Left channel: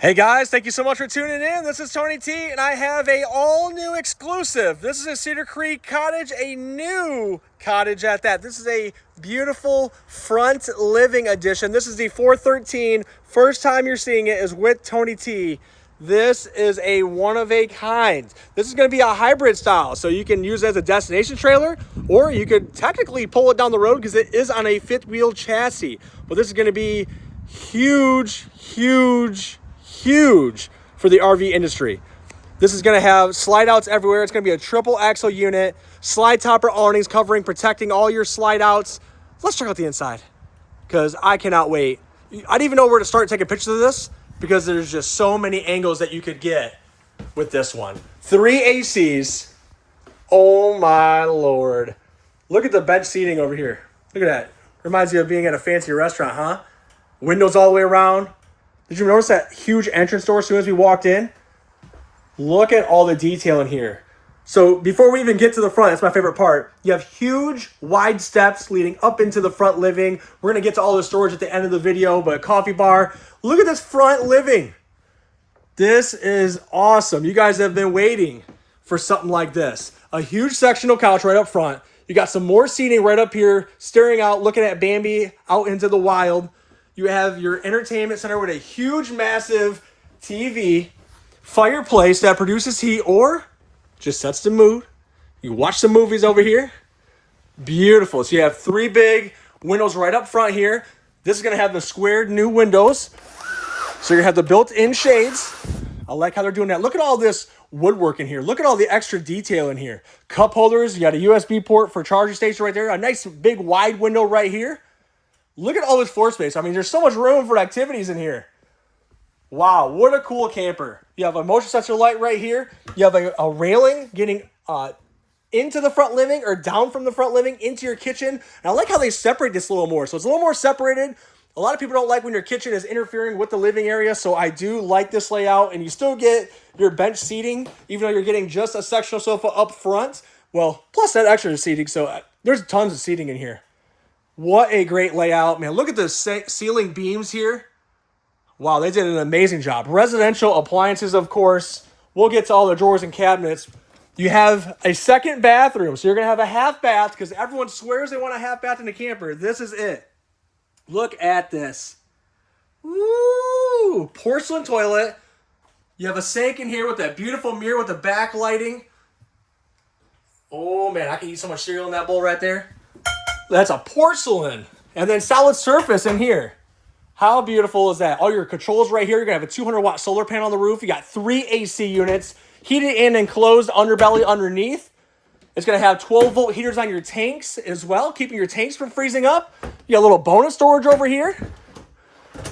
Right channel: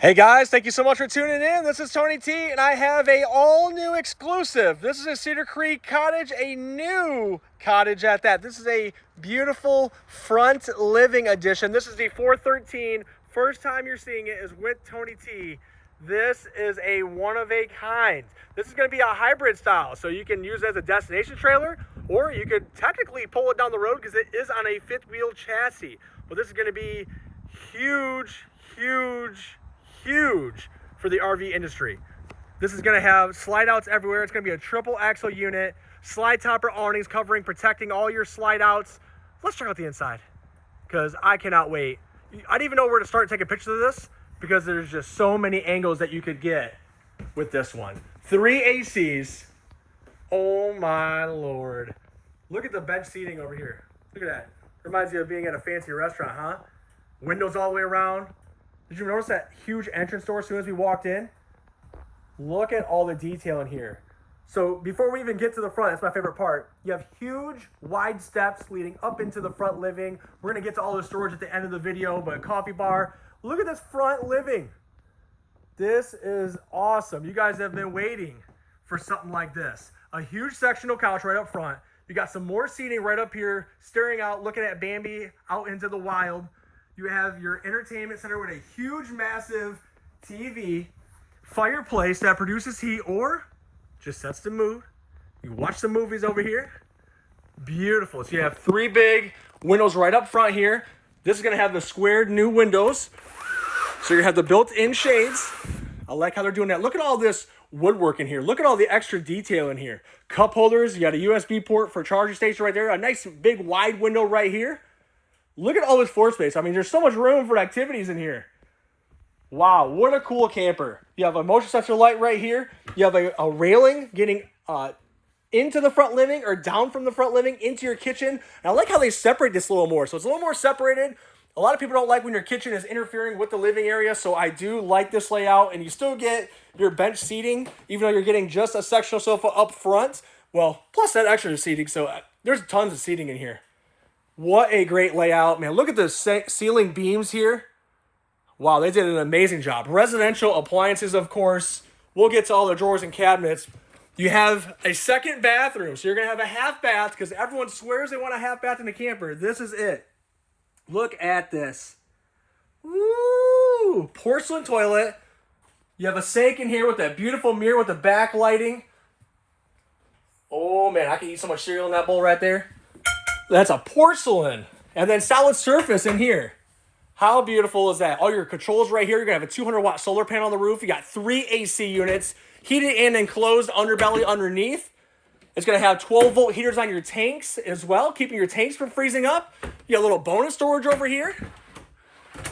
Hey guys, thank you so much for tuning in. This is Tony T, and I have a all-new exclusive. This is a Cedar Creek cottage, a new cottage at that. This is a beautiful front living edition. This is the 413. First time you're seeing it is with Tony T. This is a one-of-a-kind. This is going to be a hybrid style, so you can use it as a destination trailer, or you could technically pull it down the road because it is on a fifth-wheel chassis. But this is going to be huge for the RV industry. This is going to have slide outs everywhere. It's going to be a triple axle unit, slide topper awnings covering, protecting all your slide outs. Let's check out the inside because I cannot wait. I don't even know where to start taking pictures of this because there's just so many angles that you could get with this one. 3 ACs. Oh my Lord. Look at the bench seating over here. Look at that. Reminds you of being at a fancy restaurant, huh? Windows all the way around. Did you notice that huge entrance door as soon as we walked in? Look at all the detail in here. So before we even get to the front, that's my favorite part. You have huge wide steps leading up into the front living. We're going to get to all the storage at the end of the video, but coffee bar. Look at this front living. This is awesome. You guys have been waiting for something like this. A huge sectional couch right up front. You got some more seating right up here, staring out, looking at Bambi out into the wild. You have your entertainment center with a huge, massive TV, fireplace that produces heat or just sets the mood. You watch some movies over here. Beautiful. So you have 3 big windows right up front here. This is going to have the squared new windows. So you have the built-in shades. I like how they're doing that. Look at all this woodwork in here. Look at all the extra detail in here. Cup holders. You got a USB port for charging station right there. A nice big wide window right here. Look at all this floor space. I mean, there's so much room for activities in here. Wow, what a cool camper. You have a motion sensor light right here. You have a railing getting into the front living or down from the front living into your kitchen. And I like how they separate this a little more. So it's a little more separated. A lot of people don't like when your kitchen is interfering with the living area. So I do like this layout. And you still get your bench seating, even though you're getting just a sectional sofa up front. Well, plus that extra seating. So there's tons of seating in here. What a great layout, man. Look at the ceiling beams here. Wow, they did an amazing job. Residential appliances, of course. We'll get to all the drawers and cabinets. You have a second bathroom, so you're going to have a half bath because everyone swears they want a half bath in a camper. This is it. Look at this. Woo! Porcelain toilet. You have a sink in here with that beautiful mirror with the backlighting. Oh, man, I can eat so much cereal in that bowl right there. That's a porcelain. And then solid surface in here. How beautiful is that? All your controls right here. You're going to have a 200-watt solar panel on the roof. You got 3 AC units. Heated and enclosed underbelly underneath. It's going to have 12-volt heaters on your tanks as well, keeping your tanks from freezing up. You got a little bonus storage over here.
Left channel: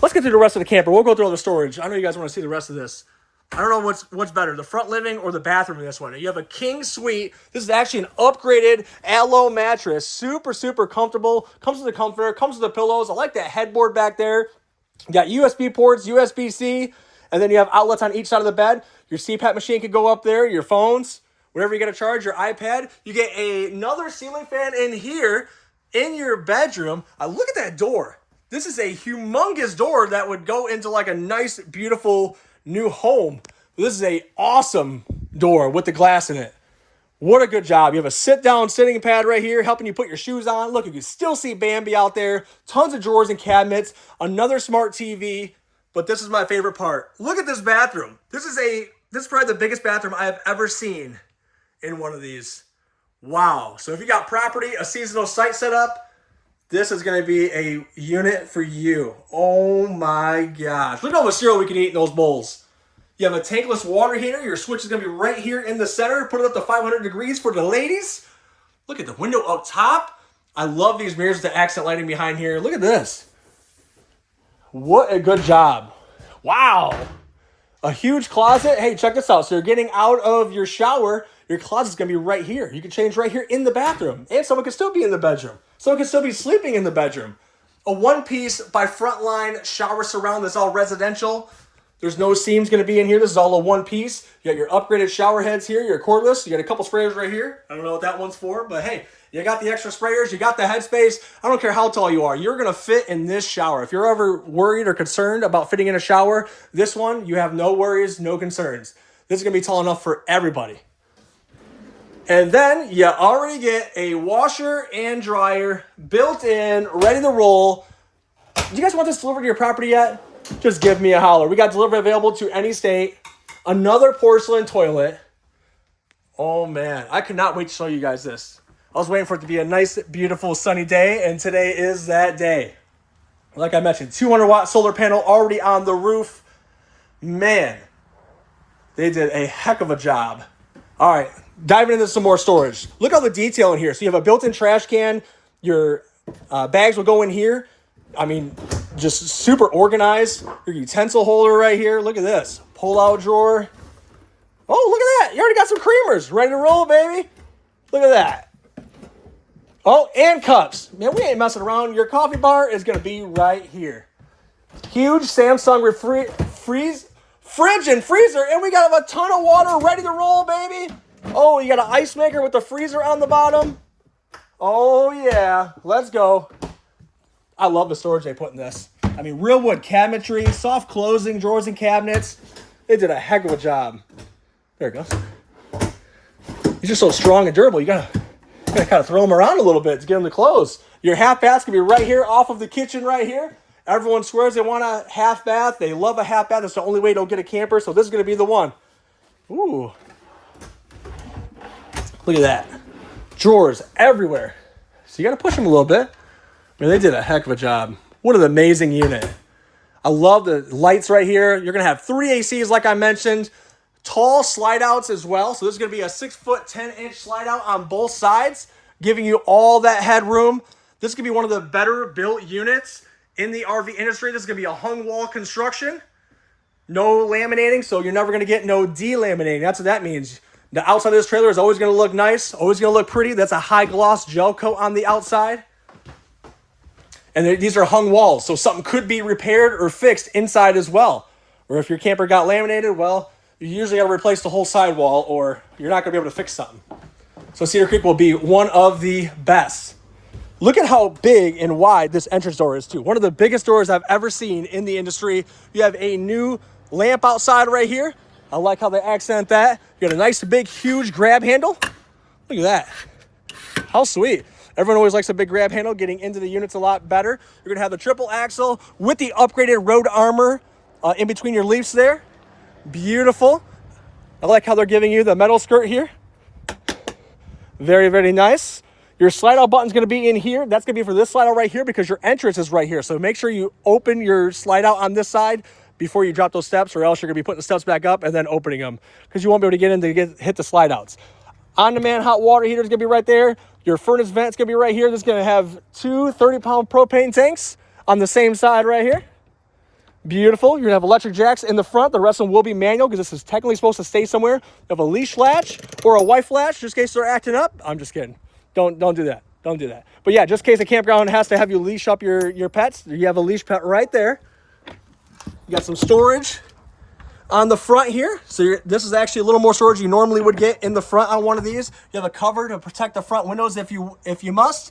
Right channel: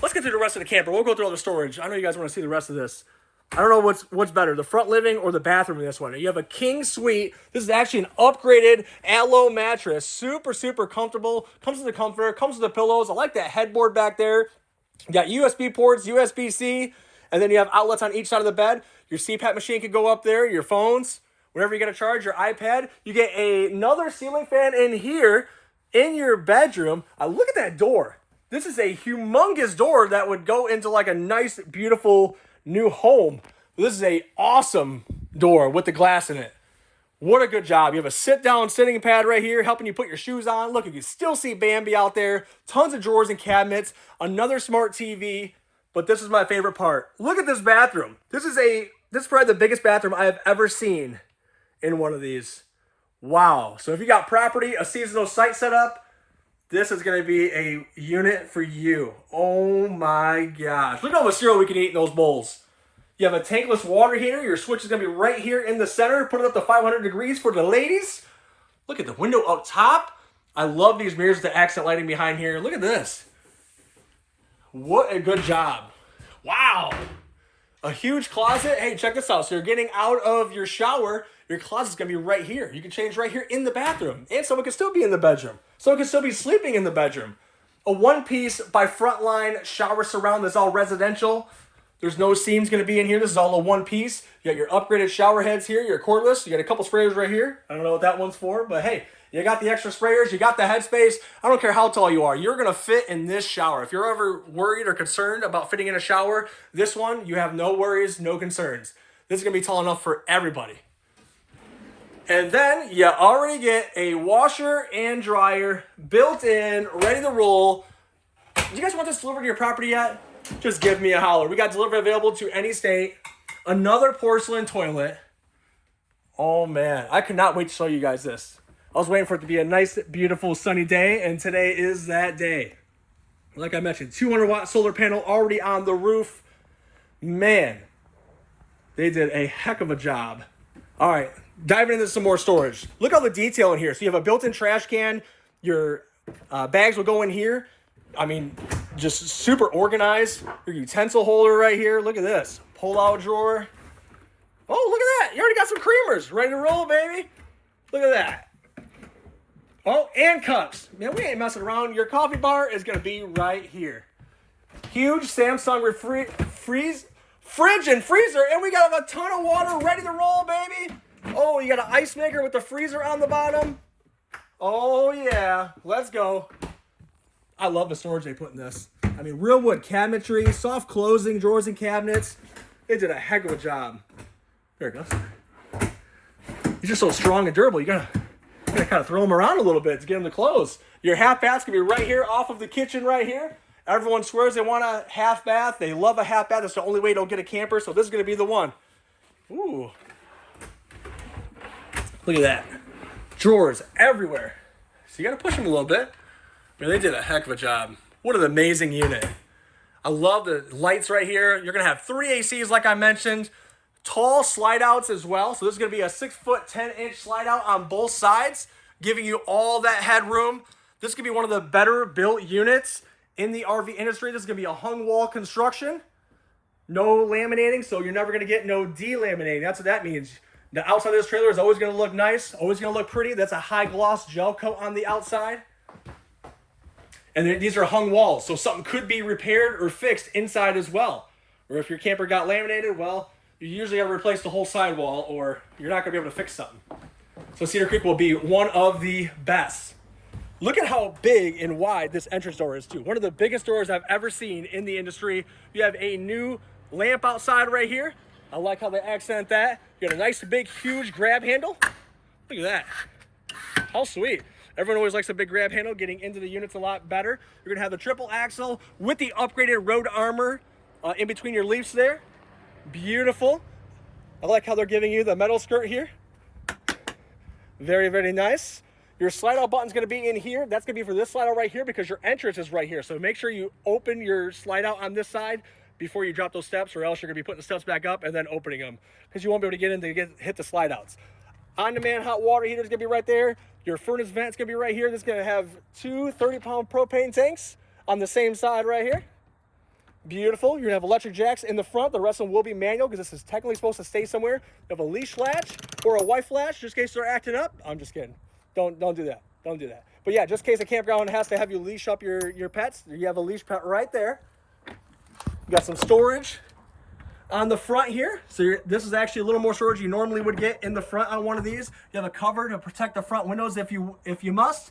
Let's get through the rest of the camper. We'll go through all the storage. I know you guys want to see the rest of this. I don't know what's better, the front living or the bathroom in this one. You have a king suite. This is actually an upgraded aloe mattress. Super comfortable. Comes with the comforter. Comes with the pillows. I like that headboard back there. You got USB ports, USB-C, and then you have outlets on each side of the bed. Your CPAP machine could go up there. Your phones, wherever you got to charge, your iPad. You get another ceiling fan in here in your bedroom. Look at that door. This is a humongous door that would go into like a nice, beautiful new home. This is a awesome door with the glass in it. What a good job. You have a sit-down sitting pad right here helping you put your shoes on. Look, you can still see Bambi out there. Tons of drawers and cabinets. Another smart TV. But this is my favorite part. Look at this bathroom. This is probably the biggest bathroom I have ever seen in one of these. Wow. So if you got property, a seasonal site set up, this is going to be a unit for you. Oh my gosh. Look at all the cereal we can eat in those bowls. You have a tankless water heater. Your switch is going to be right here in the center. Put it up to 500 degrees for the ladies. Look at the window up top. I love these mirrors with the accent lighting behind here. Look at this. What a good job. Wow. A huge closet. Hey, check this out. So you're getting out of your shower. Your closet's going to be right here. You can change right here in the bathroom. And someone can still be in the bedroom. Someone can still be sleeping in the bedroom. A one-piece by Frontline shower surround that's all residential. There's no seams going to be in here. This is all a one-piece. You got your upgraded shower heads here. Your cordless. You got a couple sprayers right here. I don't know what that one's for, but hey, You got the extra sprayers, you got the headspace. I don't care how tall you are, you're gonna fit in this shower. If you're ever worried or concerned about fitting in a shower, this one, you have no worries, no concerns. This is gonna be tall enough for everybody. And then you already get a washer and dryer built in, ready to roll. Do you guys want this delivered to your property yet? Just give me a holler. We got delivery available to any state. Another porcelain toilet. Oh man, I could not wait to show you guys this. I was waiting for it to be a nice, beautiful, sunny day, and today is that day. Like I mentioned, 200-watt solar panel already on the roof. Man, they did a heck of a job. All right, diving into some more storage. Look at all the detail in here. So you have a built-in trash can. Your bags will go in here. I mean, just super organized. Your utensil holder right here. Look at this. Pull-out drawer. Oh, look at that. You already got some creamers. Ready to roll, baby. Look at that. Oh, and cups. Man, we ain't messing around. Your coffee bar is going to be right here. Huge Samsung fridge and freezer, and we got a ton of water ready to roll, baby. Oh, you got an ice maker with the freezer on the bottom. Oh, yeah. Let's go. I love the storage they put in this. I mean, real wood cabinetry, soft closing drawers and cabinets. They did a heck of a job. There it goes. These are so strong and durable. You gotta kind of throw them around a little bit to get them to close. Your half bath's gonna be right here off of the kitchen right here. Everyone swears they want a half bath. They love a half bath. That's the only way they'll get a camper. So this is gonna be the one. Ooh. Look at that. Drawers everywhere. So you gotta push them a little bit. Man, they did a heck of a job. What an amazing unit. I love the lights right here. You're going to have 3 ACs like I mentioned. Tall slide outs as well. So this is going to be a 6-foot, 10-inch slide out on both sides, giving you all that headroom. This is going to be one of the better built units in the RV industry. This is going to be a hung wall construction. No laminating, so you're never going to get no delaminating. That's what that means. The outside of this trailer is always going to look nice, always going to look pretty. That's a high gloss gel coat on the outside. And these are hung walls, so something could be repaired or fixed inside as well. Or if your camper got laminated, well, you usually got to replace the whole sidewall or you're not going to be able to fix something. So Cedar Creek will be one of the best. Look at how big and wide this entrance door is too. One of the biggest doors I've ever seen in the industry. You have a new lamp outside right here. I like how they accent that. You got a nice, big, huge grab handle. Look at that. How sweet. Everyone always likes a big grab handle, getting into the units a lot better. You're going to have the triple axle with the upgraded road armor in between your leaves there. Beautiful. I like how they're giving you the metal skirt here. Very, very nice. Your slide out button is going to be in here. That's going to be for this slide out right here because your entrance is right here. So make sure you open your slide out on this side before you drop those steps, or else you're going to be putting the steps back up and then opening them because you won't be able to get in to hit the slide outs. On-demand hot water heater is going to be right there. Your furnace vent is going to be right here. This is going to have 2 30-pound propane tanks on the same side right here. Beautiful. You're going to have electric jacks in the front. The rest of them will be manual because this is technically supposed to stay somewhere. You have a leash latch or a wife latch just in case they're acting up. I'm just kidding. Don't do that. Don't do that. But yeah, just in case a campground has to have you leash up your pets, you have a leash pet right there. You got some storage on the front here. So this is actually a little more storage you normally would get in the front on one of these. You have a cover to protect the front windows if you must.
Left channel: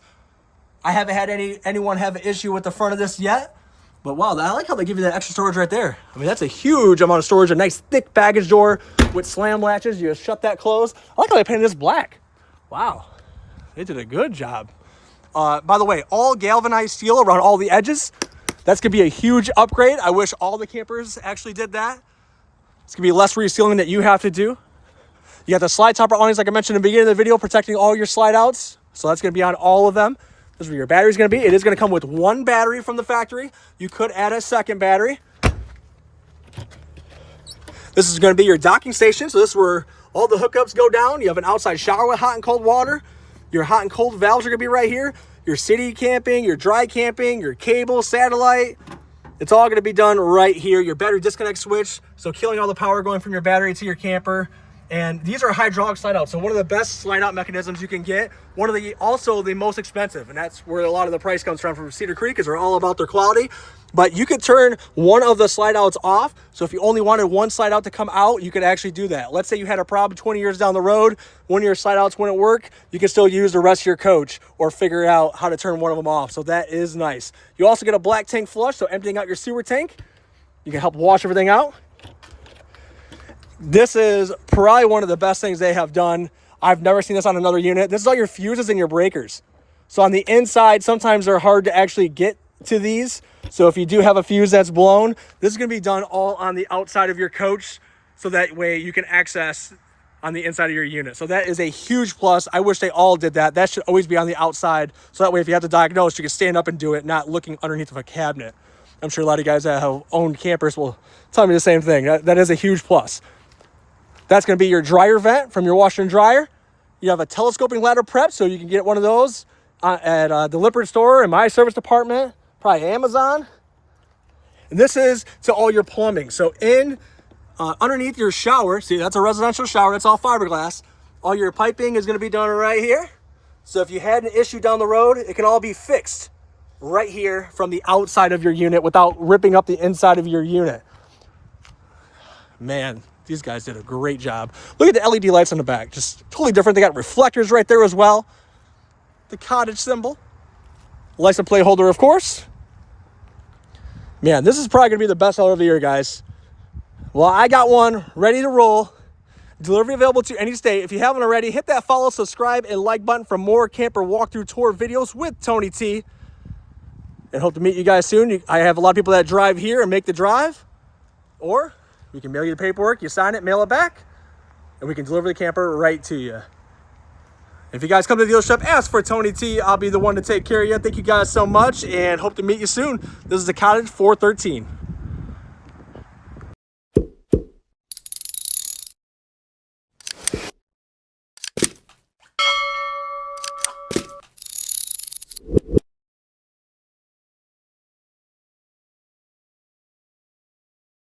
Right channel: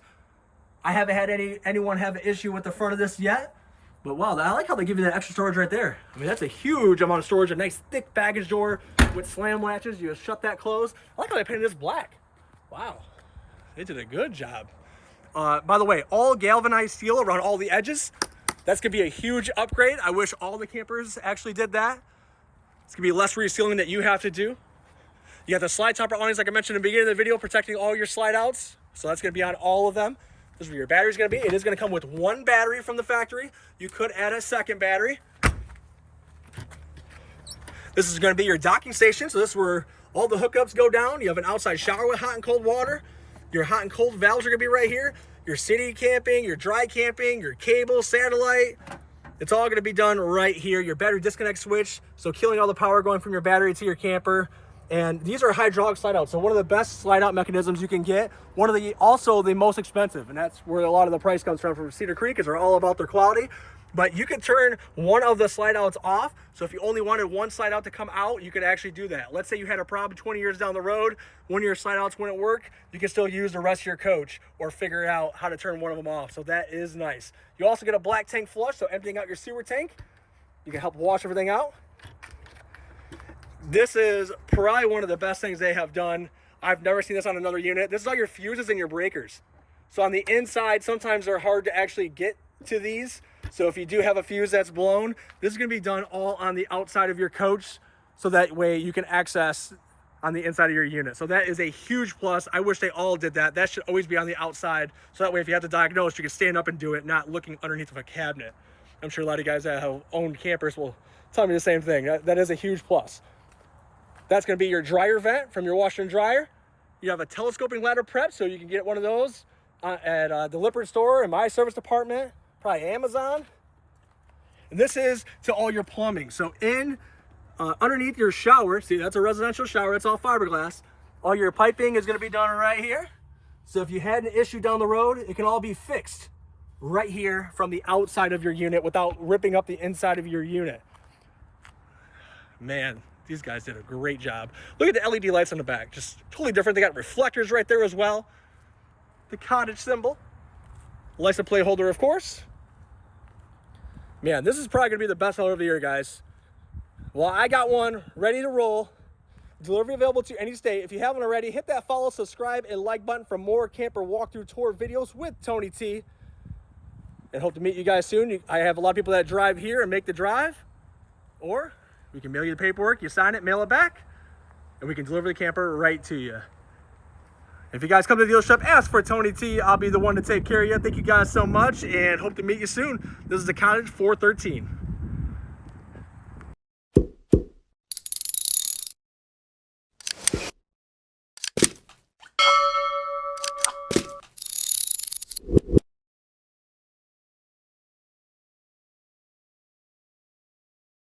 I haven't had anyone have an issue with the front of this yet. But wow, I like how they give you that extra storage right there. I mean, that's a huge amount of storage. A nice thick baggage door with slam latches. You just shut that closed. I like how they painted this black. Wow, they did a good job. By the way, all galvanized steel around all the edges. That's gonna be a huge upgrade. I wish all the campers actually did that. It's gonna be less resealing that you have to do. You got the slide topper awnings, like I mentioned in the beginning of the video, protecting all your slide outs. So that's gonna be on all of them. This is where your battery's gonna be. It is gonna come with 1 battery from the factory. You could add a second battery. This is gonna be your docking station. So this is where all the hookups go down. You have an outside shower with hot and cold water. Your hot and cold valves are gonna be right here. Your city camping, your dry camping, your cable, satellite. It's all gonna be done right here. Your battery disconnect switch, so killing all the power going from your battery to your camper. And these are hydraulic slide out. So one of the best slide out mechanisms you can get. One of the, also the most expensive. And that's where a lot of the price comes from Cedar Creek, is they're all about their quality. But you could turn one of the slide outs off. So if you only wanted one slide out to come out, you could actually do that. Let's say you had a problem 20 years down the road, one of your slide outs wouldn't work, you can still use the rest of your coach or figure out how to turn one of them off. So that is nice. You also get a black tank flush, so emptying out your sewer tank. You can help wash everything out. This is probably one of the best things they have done. I've never seen this on another unit. This is all your fuses and your breakers. So on the inside, sometimes they're hard to actually get to these. So if you do have a fuse that's blown, this is going to be done all on the outside of your coach, so that way you can access on the inside of your unit. So that is a huge plus. I wish they all did that. That should always be on the outside, so that way if you have to diagnose, you can stand up and do it, not looking underneath of a cabinet. I'm sure a lot of guys that have owned campers will tell me the same thing. That is a huge plus. That's going to be your dryer vent from your washer and dryer. You have a telescoping ladder prep, so you can get one of those at the Lippert store, in my service department, probably Amazon. And this is to all your plumbing. So in underneath your shower, see, that's a residential shower, that's all fiberglass. All your piping is going to be done right here. So if you had an issue down the road, it can all be fixed right here from the outside of your unit without ripping up the inside of your unit. Man, these guys did a great job. Look at the LED lights on the back, just totally different. They got reflectors right there as well. The Cottage symbol. License plate holder, of course. Man, this is probably gonna be the best seller of the year, guys. Well, I got one ready to roll. Delivery available to any state. If you haven't already, hit that follow, subscribe, and like button for more camper walkthrough tour videos with Tony T. And hope to meet you guys soon. I have a lot of people that drive here and make the drive. Or we can mail you the paperwork, you sign it, mail it back, and we can deliver the camper right to you. If you guys come to the dealership, ask for Tony T. I'll be the one to take care of you. Thank you guys so much, and hope to meet you soon. This is the Cottage 413.